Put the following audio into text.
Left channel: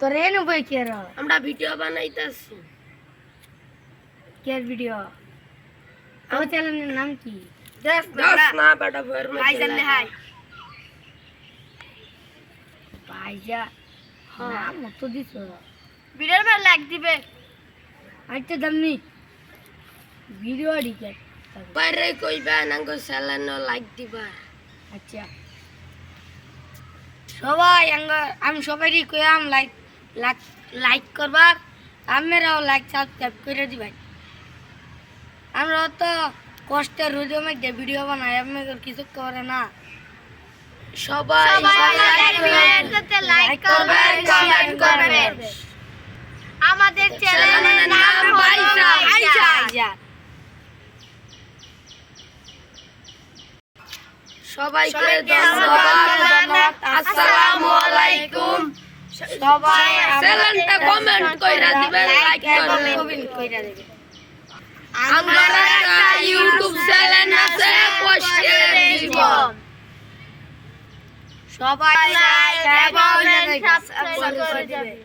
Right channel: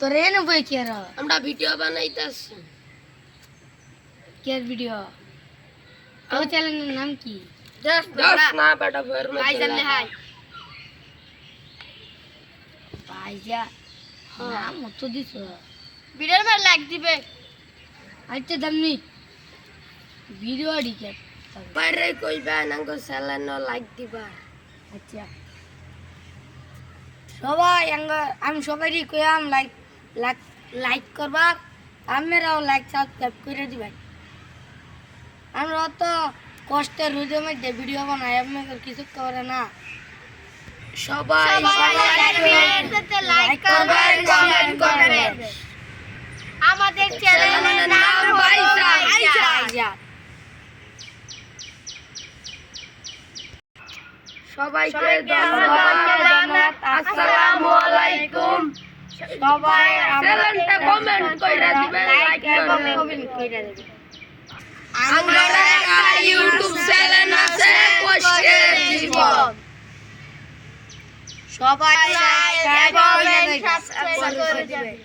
তোর এনে বই কি আর আমরা ভিডিও বানাইতাছি। কি আর ভিডিও আমার চ্যানেলের নাম কি দশ না বেটা ফরমে ভাইজান নে হাই ভাইজা নাম মতো দিছ ভিডিওর পর লাইক দিবে আচ্ছা দামনি ভিডিও ডিকে বাইরে কইবা নাঙ্গো চ্যানেল লাইক দিবা। আচ্ছা সবাই আমি সবাইকে কইলাম লাইক লাইক করবার আমরাও লাইক সাবস্ক্রাইব করে দিবেন। আমরা তো কষ্টের রোদের মধ্যে ভিডিও বানাই আপনাদের কিছু করে না। সবাই লাইক করবেন কমেন্ট করবেন আমাদের চ্যানেলের নাম ভাইজা সবাইকে ধন্যবাদ। আসসালামু আলাইকুম। সবাই চ্যানেলটা কমেন্ট কইরা দিবেন, লাইক করবেন। কমেন্ট কইরা দিবেন। আমার একটা ইউটিউব চ্যানেল আছে কষ্টের জীবন। সবাই লাইক এবং সাবস্ক্রাইব করে দিবেন।